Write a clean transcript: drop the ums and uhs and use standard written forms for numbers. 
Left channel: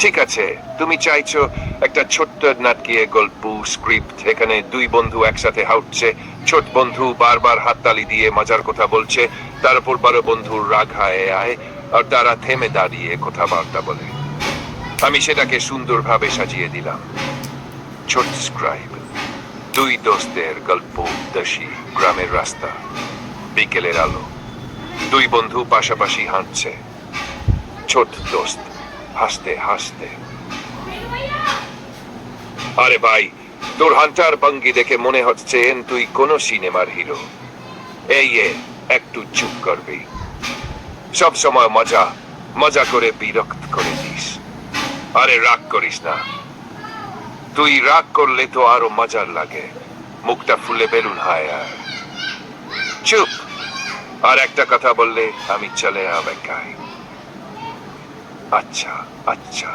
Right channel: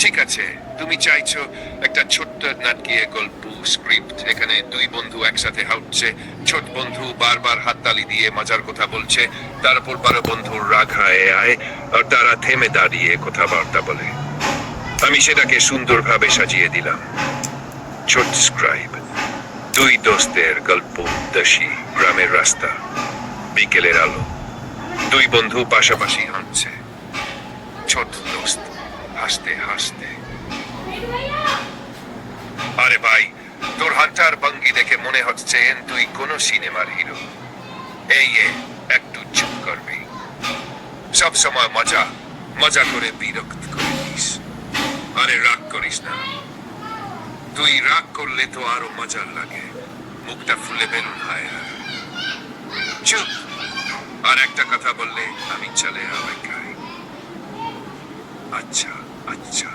ঠিক আছে, তুমি চাইছো একটা ছোট্ট নাটকীয় গল্প স্ক্রিপ্ট, এখানে দুই বন্ধু একসাথে হাঁটছে, ছোট বন্ধু বারবার হাততালি দিয়ে মজার কথা বলছে, তারপর বড় বন্ধুর রাগ হয়ে আয় আর তারা থেমে দাঁড়িয়ে কথাবার্তা বলে। আমি সেটাকে সুন্দরভাবে সাজিয়ে দিলাম। ছোট স্ক্রাইব, দুই দোস্তের গল্প, উদ্দেশ্যী গ্রামের রাস্তা, বিকেলের আলো, দুই বন্ধু পাশাপাশি হাঁটছে, ছোট দোস্ত হাসতে হাসতে। আরে ভাই, তোর হান্টার ভঙ্গি দেখে মনে হচ্ছে তুই কোন সিনেমার হিরো। একটু চুপ করবি? সব সময় মজা মজা করে বিরক্ত করে দিস। আরে রাগ করিস না, তুই রাগ করলে তো আরো মজার লাগে, মুখটা ফুলে বেলুন হয়। আর চুপ, আর একটা কথা বললে আমি চলে অপেক্ষায়। আচ্ছা আচ্ছা।